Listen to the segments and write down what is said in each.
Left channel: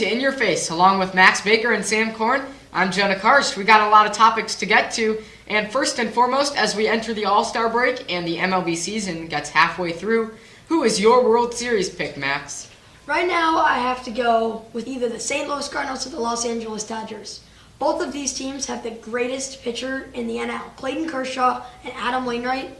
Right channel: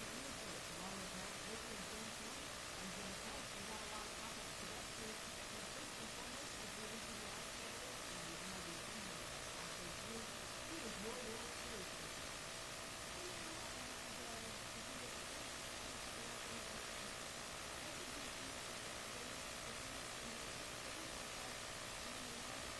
to In Your Face, along with Max Baker and Sam Korn. I'm Jonah Karsh. We got a lot of topics to get to, and first and foremost, as we enter the All-Star break and the MLB season gets halfway through, who is your World Series pick, Max? Right now, I have to go with either the St. Louis Cardinals or the Los Angeles Dodgers. Both of these teams have the greatest pitcher in the NL, Clayton Kershaw and Adam Wainwright.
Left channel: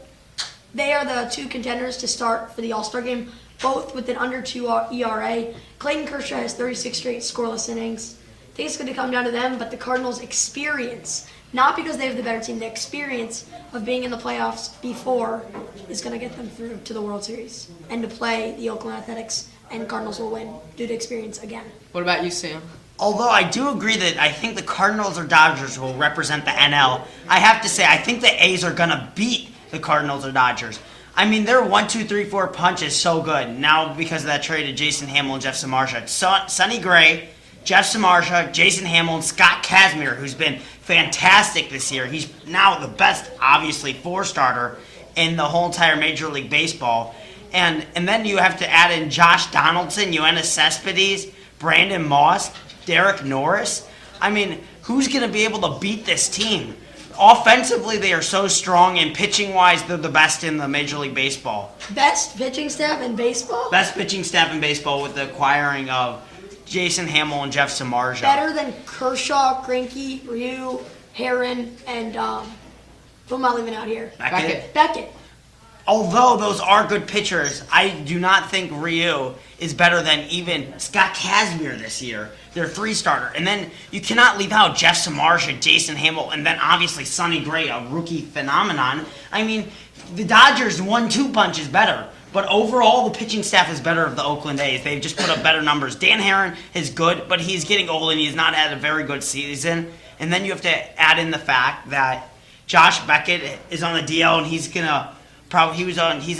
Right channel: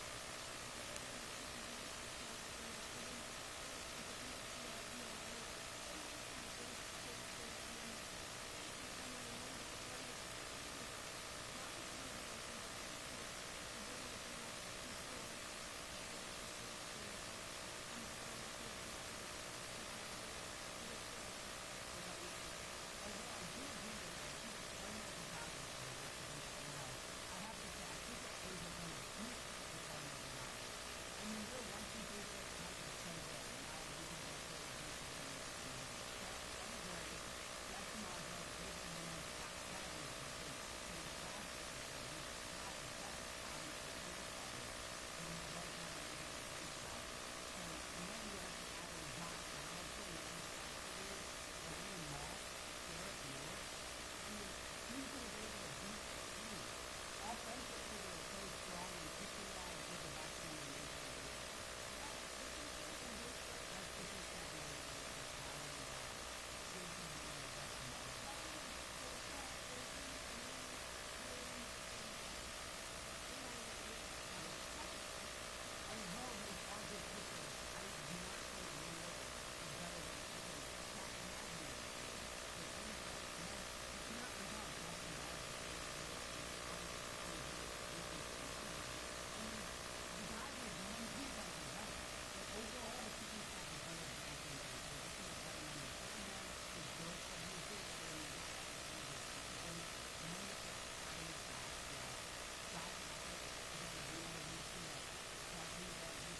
They are the two contenders to start for the All-Star game, both with an under 2 ERA. Clayton Kershaw has 36 straight scoreless innings. I think it's going to come down to them, but the Cardinals' experience, not because they have the better team, the experience of being in the playoffs before is going to get them through to the World Series and to play the Oakland Athletics, and Cardinals will win due to experience again. What about you, Sam? Although I do agree that I think the Cardinals or Dodgers will represent the NL, I have to say I think the A's are going to beat the Cardinals or Dodgers. I mean, their 1, 2, 3, 4 punch is so good. Now, because of that trade of Jason Hamill and Jeff Samardzija. Sonny Gray, Jeff Samardzija, Jason Hamill, and Scott Kazmir, who's been fantastic this year. He's now the best, obviously, 4-starter in the whole entire Major League Baseball. And then you have to add in Josh Donaldson, Yoenis Cespedes, Brandon Moss, Derek Norris. I mean, who's going to be able to beat this team? Offensively, they are so strong, and pitching-wise, they're the best in the Major League Baseball. Best pitching staff in baseball? Best pitching staff in baseball with the acquiring of Jason Hamill and Jeff Samardzija. Better than Kershaw, Greinke, Ryu, Herron, and who am I leaving out here? Beckett. Although those are good pitchers, I do not think Ryu is better than even Scott Kazmir this year. They're 3-starter. And then you cannot leave out Jeff Samardzija, Jason Hamill, and then obviously Sonny Gray, a rookie phenomenon. I mean, the Dodgers' 1-2 punch is better. But overall, the pitching staff is better of the Oakland A's. They've just put up better numbers. Dan Herron is good, but he's getting old and he's not had a very good season. And then you have to add in the fact that Josh Beckett is on the DL and he's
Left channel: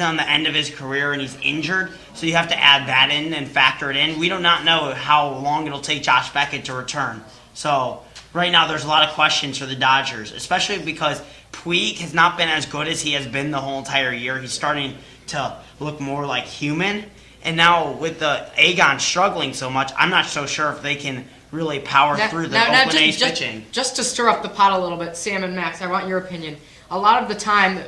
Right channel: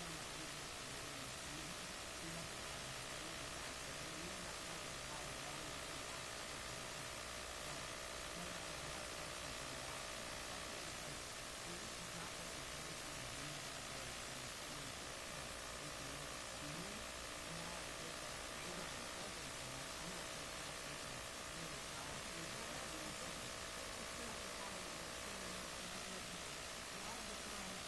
on the end of his career and he's injured. So you have to add that in and factor it in. We do not know how long it'll take Josh Beckett to return. So right now there's a lot of questions for the Dodgers, especially because Puig has not been as good as he has been the whole entire year. He's starting to look more like human. And now with the Agon struggling so much, I'm not so sure if they can really power through the Oakland A's pitching. Just to stir up the pot a little bit, Sam and Max, I want your opinion. A lot of the time,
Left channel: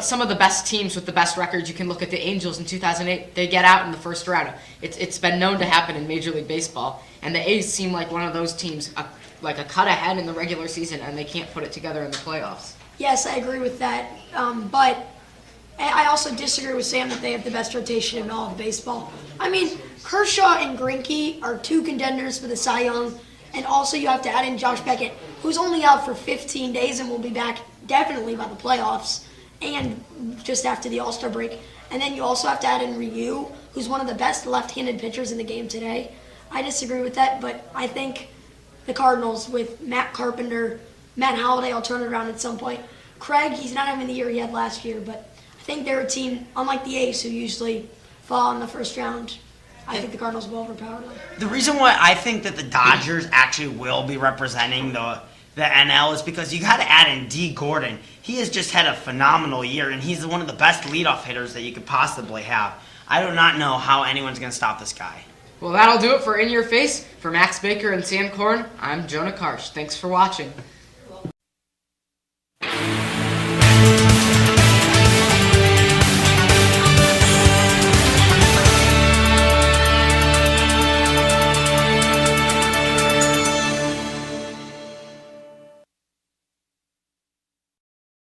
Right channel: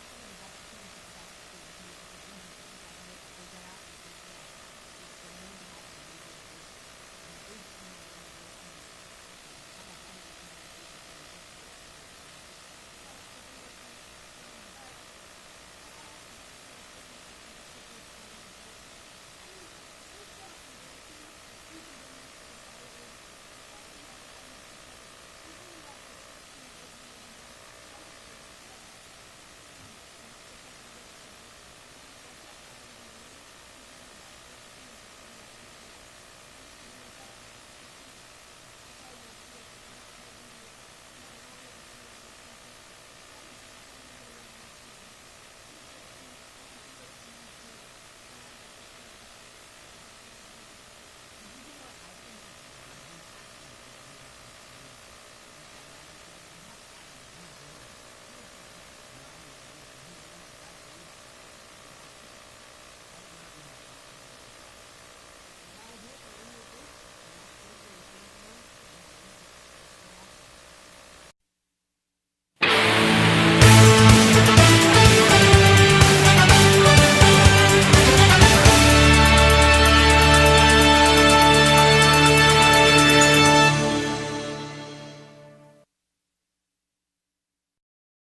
some of the best teams with the best records, you can look at the Angels in 2008, they get out in the first round. It's been known to happen in Major League Baseball, and the A's seem like one of those teams, like a cut ahead in the regular season, and they can't put it together in the playoffs. Yes, I agree with that. But I also disagree with Sam that they have the best rotation in all of baseball. I mean, Kershaw and Greinke are 2 contenders for the Cy Young, and also you have to add in Josh Beckett, who's only out for 15 days and will be back definitely by the playoffs and just after the All-Star break. And then you also have to add in Ryu, who's one of the best left-handed pitchers in the game today. I disagree with that, but I think the Cardinals with Matt Carpenter, Matt Holliday, I'll turn it around at some point. Craig, he's not having the year he had last year, but I think they're a team, unlike the A's, who usually fall in the first round. I think the Cardinals will overpower them. The reason why I think that the Dodgers actually will be representing the NL is because you got to add in D. Gordon. He has just had a phenomenal year, and he's one of the best leadoff hitters that you could possibly have. I do not know how anyone's going to stop this guy. Well, that'll do it for In Your Face. For Max Baker and Sam Korn, I'm Jonah Karsh. Thanks for watching.